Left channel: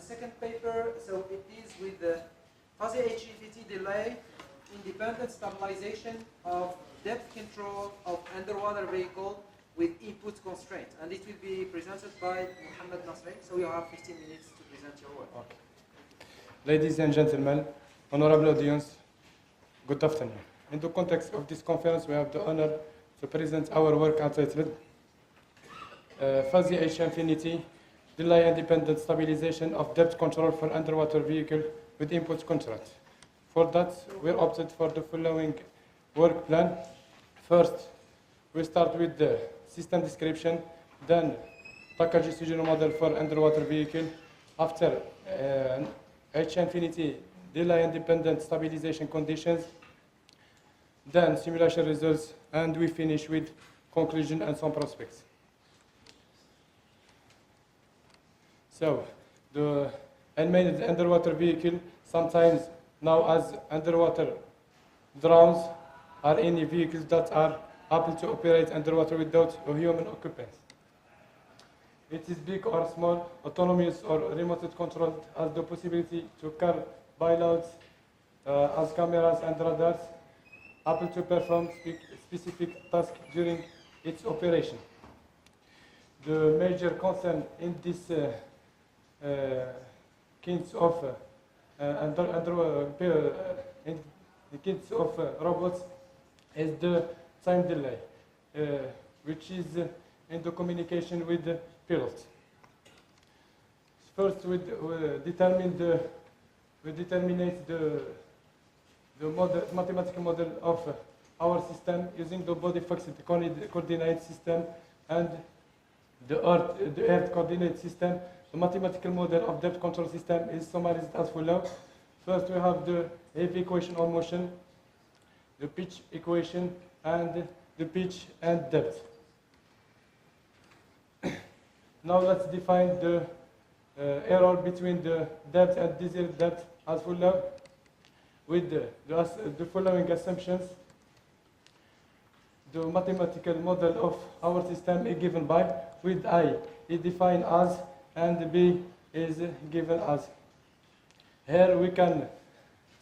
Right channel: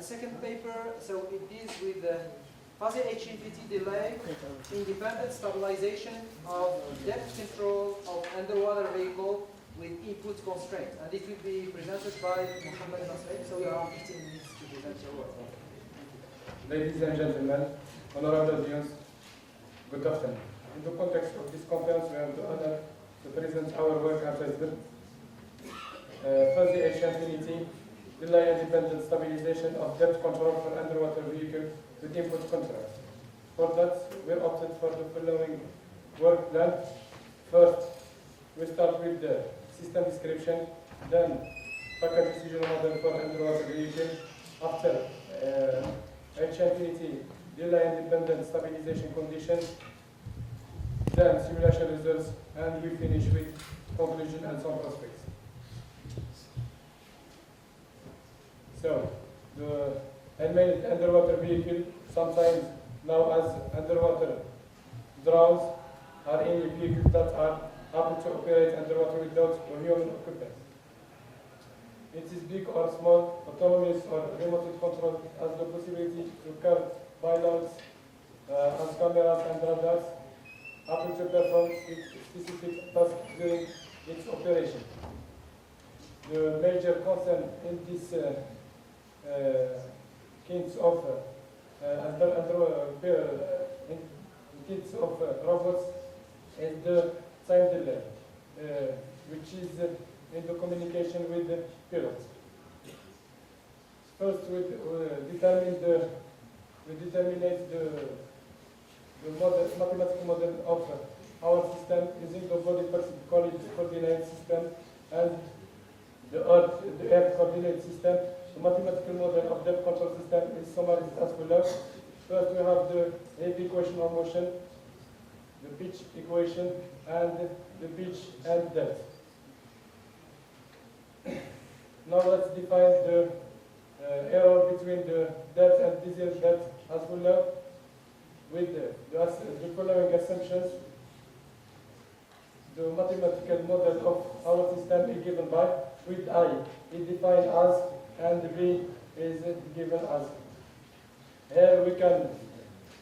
the second paper, so it deals with the fuzzy HEVT delay, independent stabilization of depth control of underwater vehicle with input constraints. And it will be presented by Mohamed Nasri. So you have 15 minutes to present your work. Ladies and gentlemen, honorable audience, good afternoon. In the context of this conference, we have the honor to present our work entitled Fuzzy H-Infinity, Delay-Independent Stabilization of Depth Control for Underwater Vehicle with Input Constraints. For that, we opted for the following work plan. First, we start with the system description, then Takagi-Sugino model for underwater vehicle. After H-Infinity, delay-independent stabilization conditions, then simulation results, and we finish with conclusion and some prospects. So, the unmanned underwater vehicle, sometimes now as underwater drones, are any vehicles that are able to operate underwater without a human occupant. It is big or small, autonomous or remote controlled, has the possibility to carry payloads as cameras and radars, able to perform specific tasks during its operation. The major concern in this kinds of robots is the time delay, which is in the communication with the pilot. First, we determine the mathematical model of our system using the body fixed coordinate system and the earth coordinate system. The mathematical model of depth control system is summarized as follows. First, we have the AV equation on motion, the pitch equation, and the pitch and depth. Now let's define the error between the depth and desired depth as follows with the following assumptions. The mathematical model of our system is given by, with I is defined as, and B is given as. Here we can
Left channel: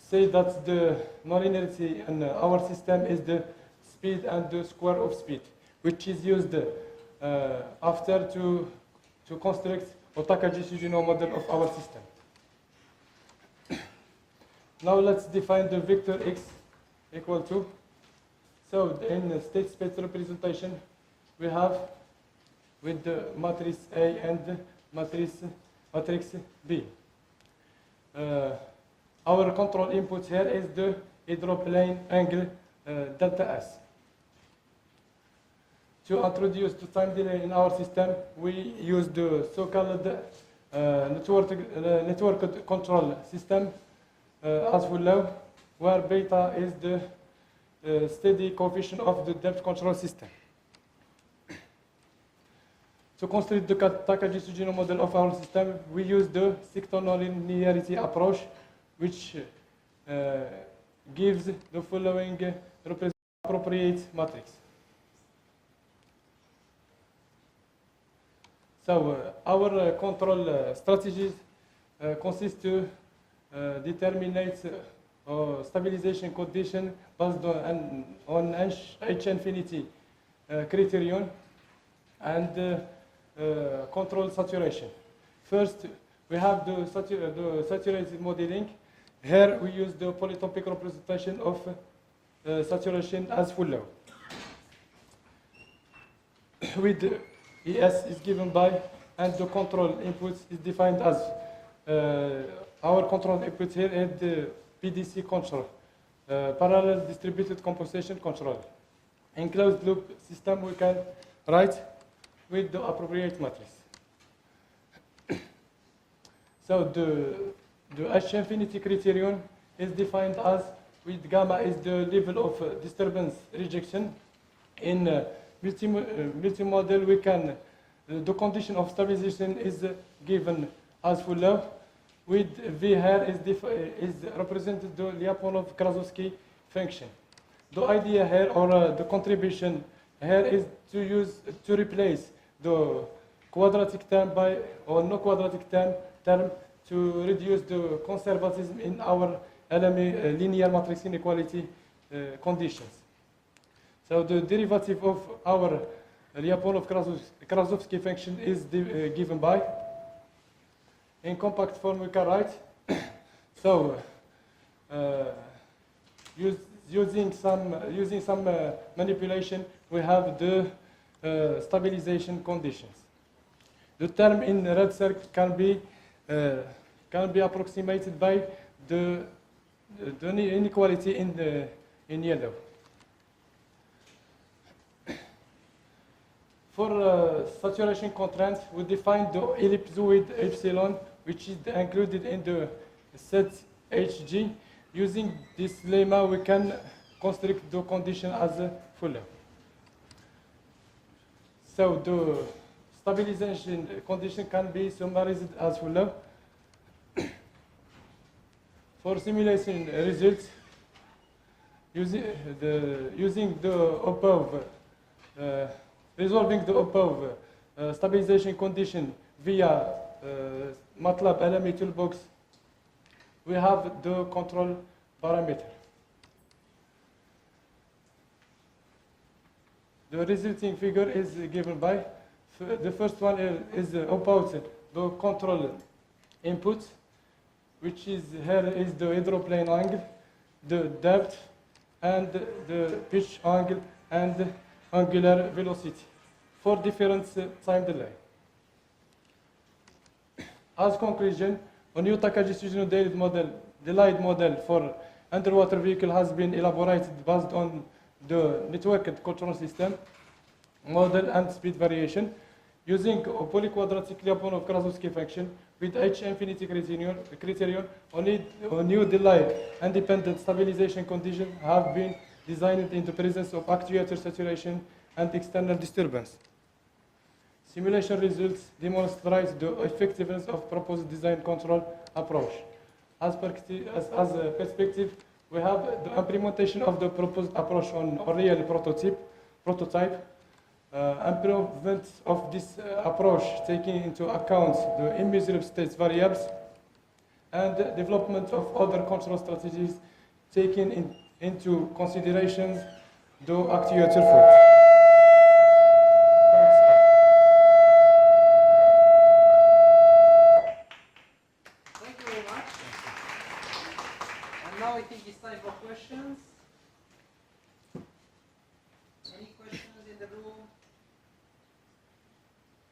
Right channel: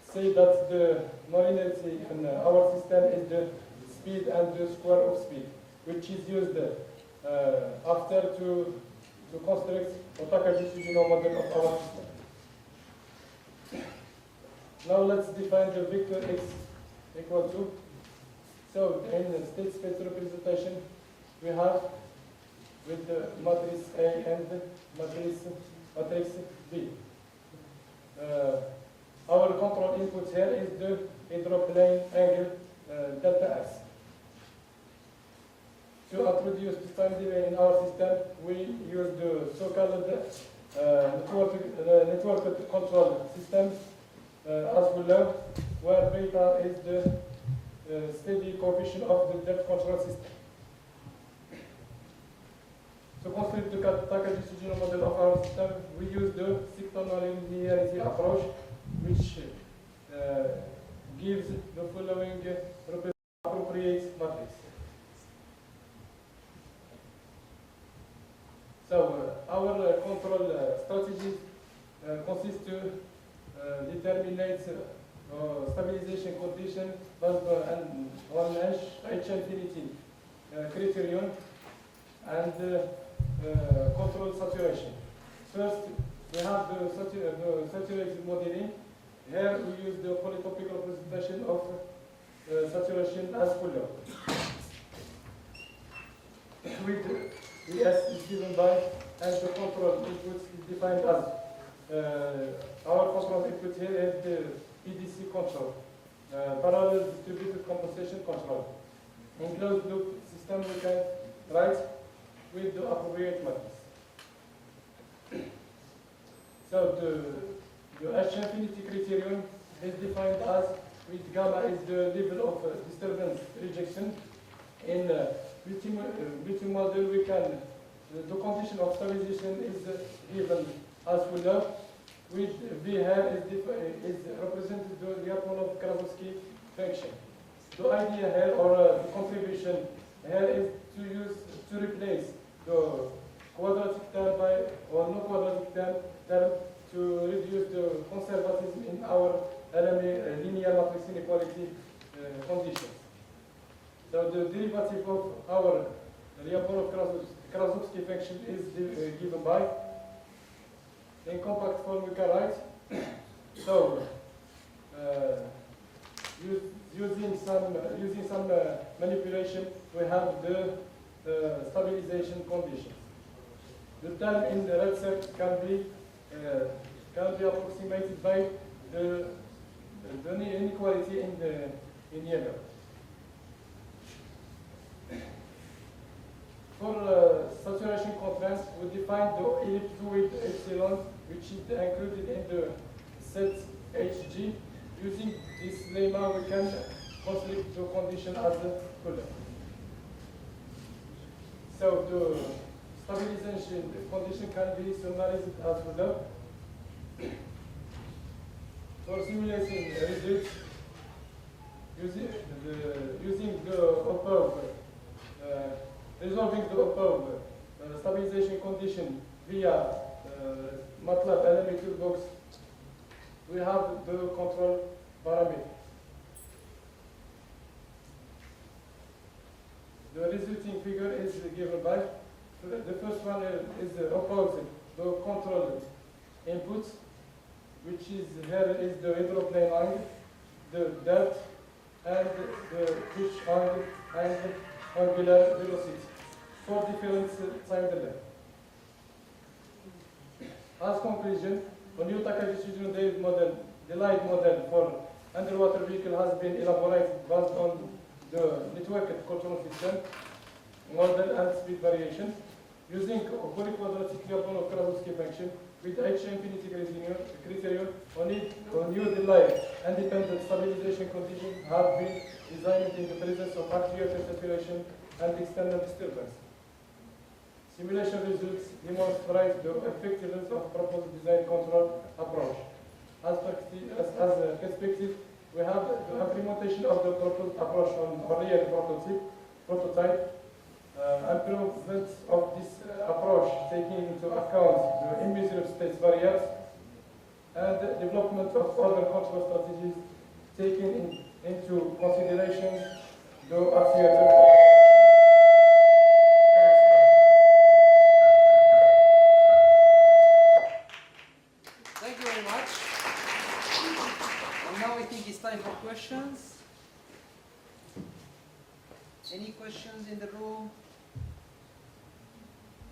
say that the non-linearity in our system is the speed and the square of speed, which is used after to construct a Takagi-Sugino model of our system. Now let's define the vector x equal to. So in the state space representation, we have with the matrix A and matrix B. Our control input here is the hydroplane angle delta S. To introduce the time delay in our system, we use the so-called network control system as follows, where beta is the steady coefficient of the depth control system. To construct the Takagi-Sugino model of our system, we use the sector nonlinearity approach, which gives the following appropriate matrix. So our control strategies consist to determine stabilization condition based on H-infinity criterion and control saturation. First, we have the saturated modeling. Here we use the polytopic representation of saturation as follows. With ES is given by, and the control input is defined as. Our control input here is the PDC control, parallel distributed compensation control. In closed loop system, we can write with the appropriate matrix. So the H-infinity criterion is defined as, with gamma is the level of disturbance rejection. In multi-model, we can, the condition of stabilization is given as follows. With V here is represented the Lyapunov-Krasovsky function. The idea here, or the contribution here, is to replace the quadratic term by, or no quadratic term to reduce the conservatism in our LME linear matrix inequality conditions. So the derivative of our Lyapunov-Krasovsky function is given by, in compact form we can write, so using some manipulation we have the stabilization conditions. The term in the red circle can be approximated by the inequality in yellow. For saturation constraints, we define the ellipsoid epsilon, which is included in the set Hg. Using this lemma, we can construct the condition as a Fuller. So the stabilization condition can be summarized as Fuller. For simulation results, using the above, resolving the above stabilization condition via MATLAB LME toolbox, we have the control parameter. The resulting figure is given by, the first one is about the control inputs, which is here is the hydroplane angle, the depth, and the pitch angle, and angular velocity for different time delay. As conclusion, a new Takagi-Sugino delayed model for underwater vehicle has been elaborated based on the networked control system model and speed variation using a polyquadratic Lyapunov-Krasovsky function with H infinity criterion. Only a new delay independent stabilization condition have been designed in the presence of actuator saturation and external disturbance. Simulation results demonstrate the effectiveness of proposed design control approach. As a perspective, we have the implementation of the proposed approach on a real prototype. Improvement of this approach taking into account the immeasurable state variables and the development of other control strategies taking into consideration the actuator fault. Thank you very much. And now I think it's time for questions. Any questions in the room?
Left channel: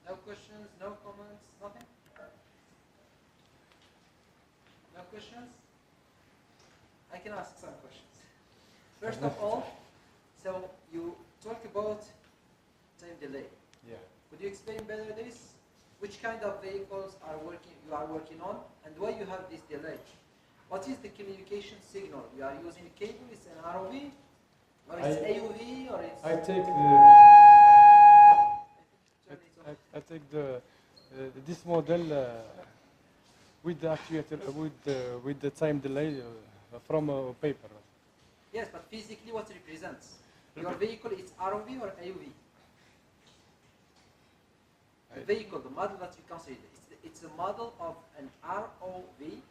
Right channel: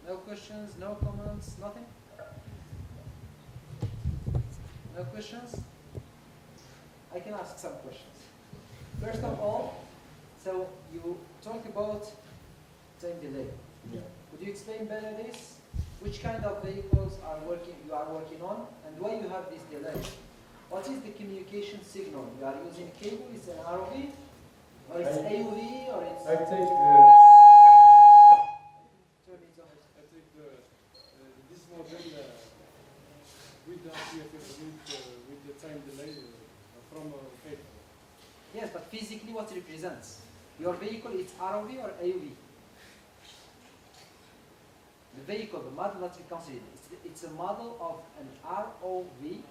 No questions, no comments, nothing? No questions? I can ask some questions. First of all, so you talk about time delay. Yeah. Could you explain better this? Which kind of vehicles you are working on, and why you have this delay? What is the communication signal? You are using cable, it's an ROV, or it's AUV, or it's... I take this model with the actuator with the time delay from paper. Yes, but physically what represents? Your vehicle, it's ROV or AUV? The vehicle, the model that you consider, it's a model of an ROV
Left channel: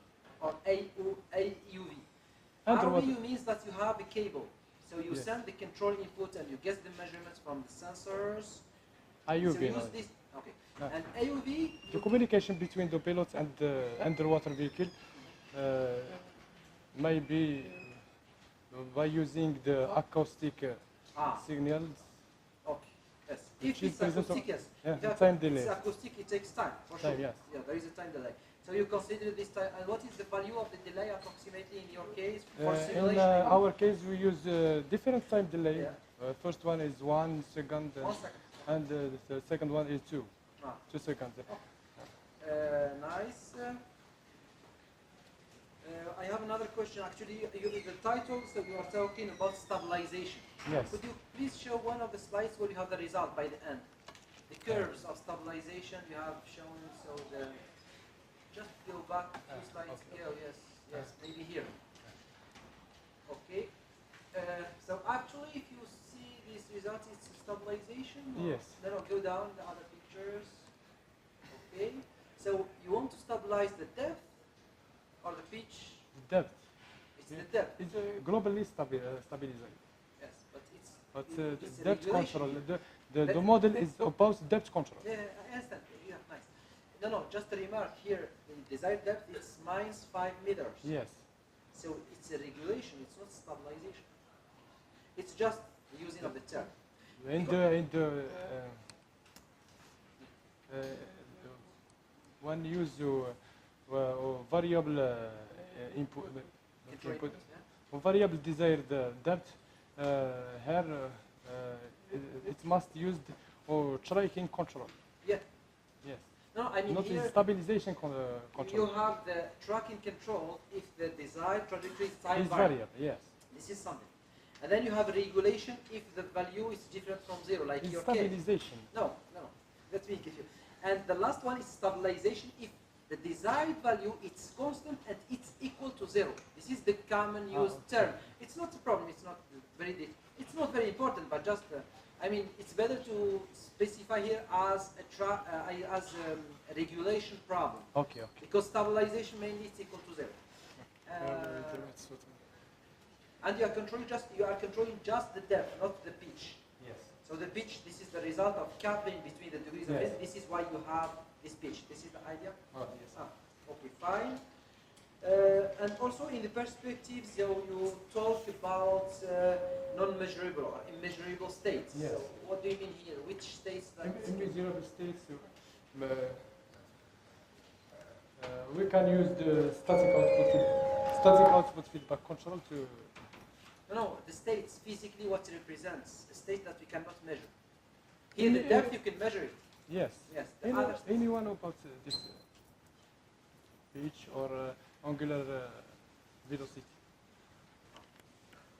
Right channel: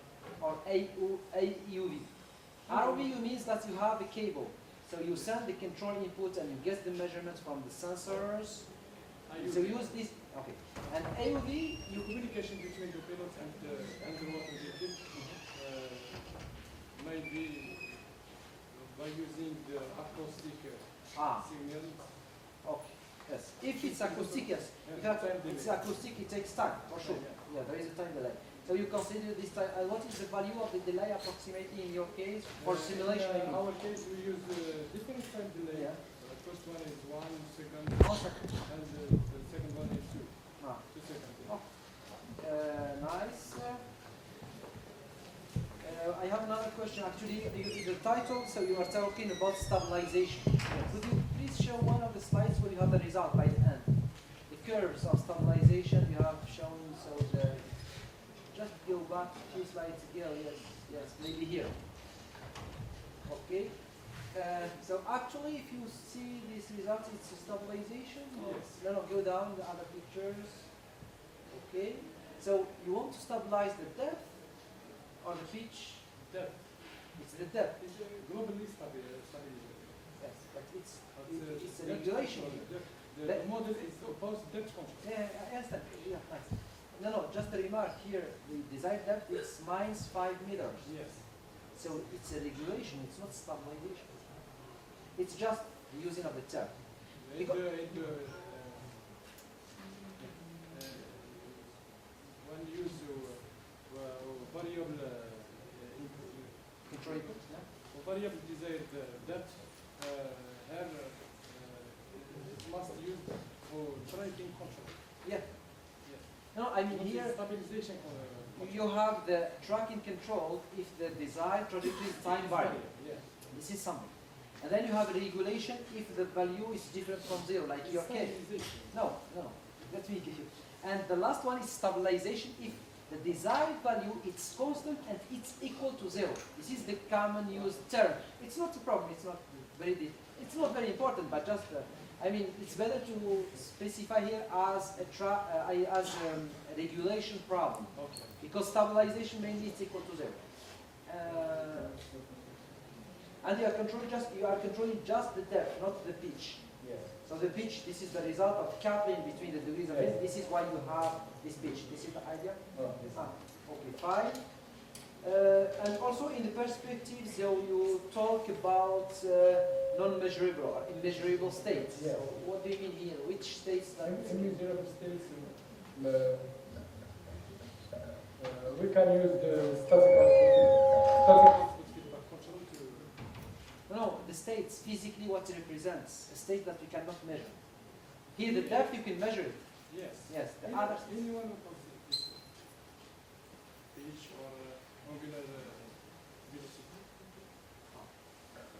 or AUV. ROV means that you have a cable. So you send the control input and you get the measurements from the sensors. AUV. So you use this, okay. And AUV, the communication between the pilot and the underwater vehicle may be by using the acoustic signals. Okay. Yes. If it's acoustic, yes. Time delay. It's acoustic, it takes time, for sure. Yeah, there is a time delay. So you consider this time, and what is the value of the delay approximately in your case for simulation? In our case, we use different time delay. First one is 1 second, and the second one is 2 seconds. Nice. I have another question. Actually, the title, so you are talking about stabilization. Yes. Could you please show one of the slides where you have the result by the end? The curves of stabilization you have shown, so just go back 2 slides ago. Yes, maybe here. Okay. So actually, if you see these results, it's a stabilization? Yes. No, go down the other pictures. Okay. So you want to stabilize the depth or the pitch? Depth. It's the depth. It's globally stabilizer. Yes, but it's It's a depth regulation. control. The model is about depth control. Yeah, I understand. Yeah, nice. No, just a remark here. The desired depth is minus 5 meters. Yes. So it's a regulation. It's not stabilization. It's just using of the term. When you use variable input, Control. variable desired depth, here it must use for tracking control. Yeah. Yes. No, I mean Not here the stabilization you control. have the tracking control if the desired trajectory is time It's variable. variable. Yes. This is something. And then you have regulation if the value is different from zero, like It's your case. stabilization. No, let me give you. And the last one is stabilization if the desired value is constant and it's equal to zero. This is the common used term. It's not a problem. It's not very important, but just I mean it's better to specify here as a regulation problem Okay. because stabilization mainly it's equal to zero. And you are controlling just the depth, not the pitch. Yes. So the pitch, this is the result of coupling between the degrees of freedom. This is why you have this pitch. This is the idea? Yes. Okay, fine. And also in the perspective, so you talk about non-measurable or immeasurable states. Yes. So what do you mean here? Which states like this? In measurable states, we can use the static output feedback control to. No, the states physically what it represents, a state that we cannot measure. Here the depth you can measure it. Yes. Yes. The other states. Any one of this pitch or angular velocity.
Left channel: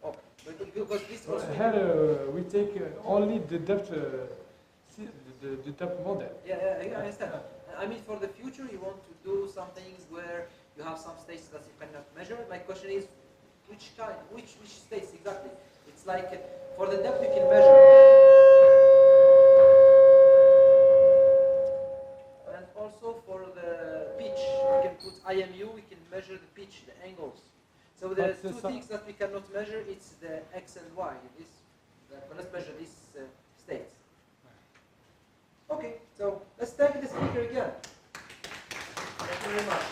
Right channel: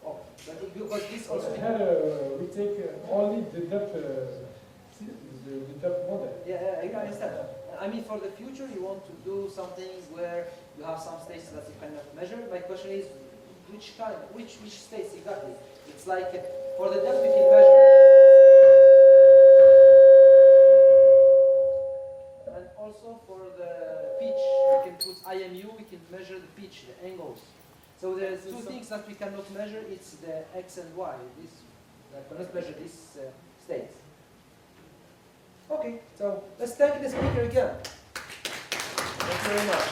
Oh, but because this also. Here we take only the depth model. Yeah, I understand. I mean, for the future, you want to do something where you have some states that you cannot measure. My question is, which states exactly? It's like for the depth you can measure, and also for the pitch, we can put IMU. We can measure the pitch, the angles. So there's two things that we cannot measure. It's the X and Y. We cannot measure these states. Okay, so let's take the speaker again. Thanks very much.